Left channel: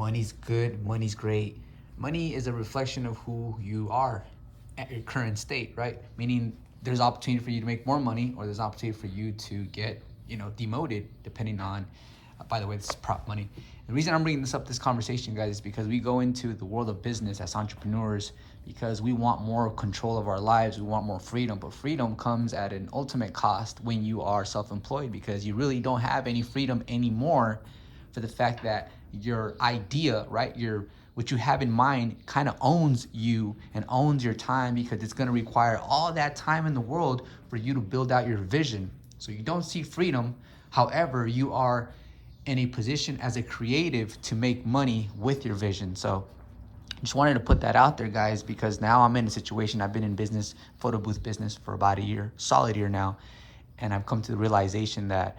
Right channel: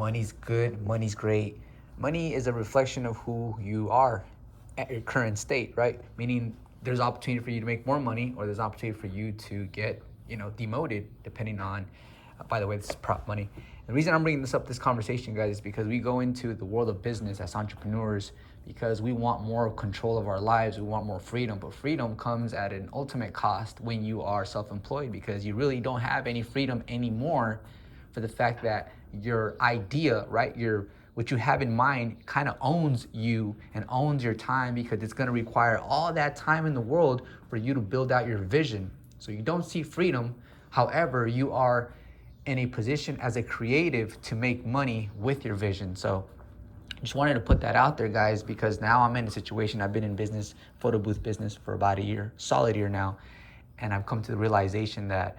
Money's good, money's great. Money is a reflection of who you are at your current state, right? Meaning there's opportunity for you to make more money, or there's opportunity for you to get, demoted, depending on, by the way, this is prop money. The reason I'm bringing this conversation, guys, is because we go into the world of business as entrepreneurs because we want more control of our lives. We want more freedom, but freedom comes at an ultimate cost when you are self-employed, because you really don't have any freedom anymore for the fact that your idea, right, what you have in mind kind of owns you and owns your time, because it's going to require all that time in the world for you to build out your vision. So you don't see freedom. However, you are in a position as a creative to make money with your vision. So just wanted to put that out there, guys, because now I'm in a situation. I've been in business, photo booth business, for about a year, solid year now. And I've come to the realization that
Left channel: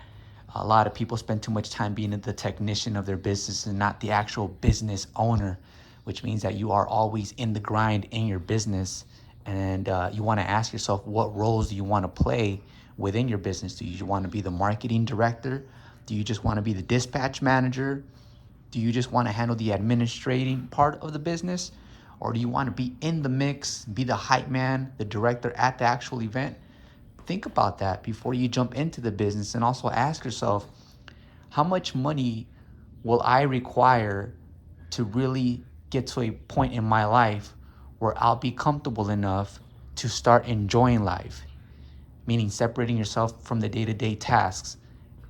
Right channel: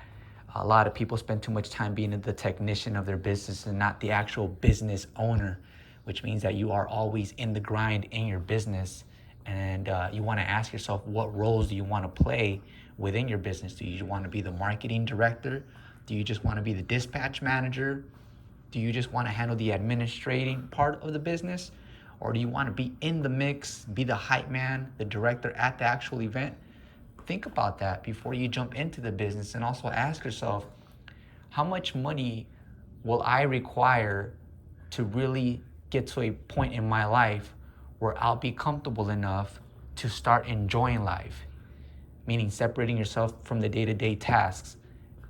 a lot of people spend too much time being the technician of their business and not the actual business owner, which means that you are always in the grind in your business. And you want to ask yourself, what roles do you want to play within your business? Do you want to be the marketing director? Do you just want to be the dispatch manager? Do you just want to handle the administrating part of the business? Or do you want to be in the mix, be the hype man, the director at the actual event? Think about that before you jump into the business, and also ask yourself, how much money will I require to really get to a point in my life where I'll be comfortable enough to start enjoying life? Meaning separating yourself from the day-to-day tasks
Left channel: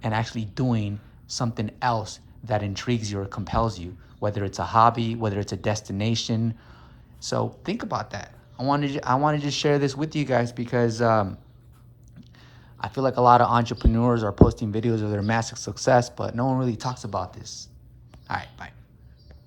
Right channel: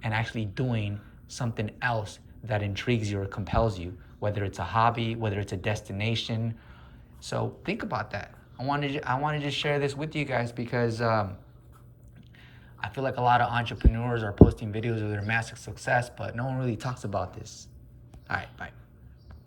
and actually doing something else that intrigues you or compels you, whether it's a hobby, whether it's a destination. So think about that. I wanted to just share this with you guys because I feel like a lot of entrepreneurs are posting videos of their massive success, but no one really talks about this. All right, bye.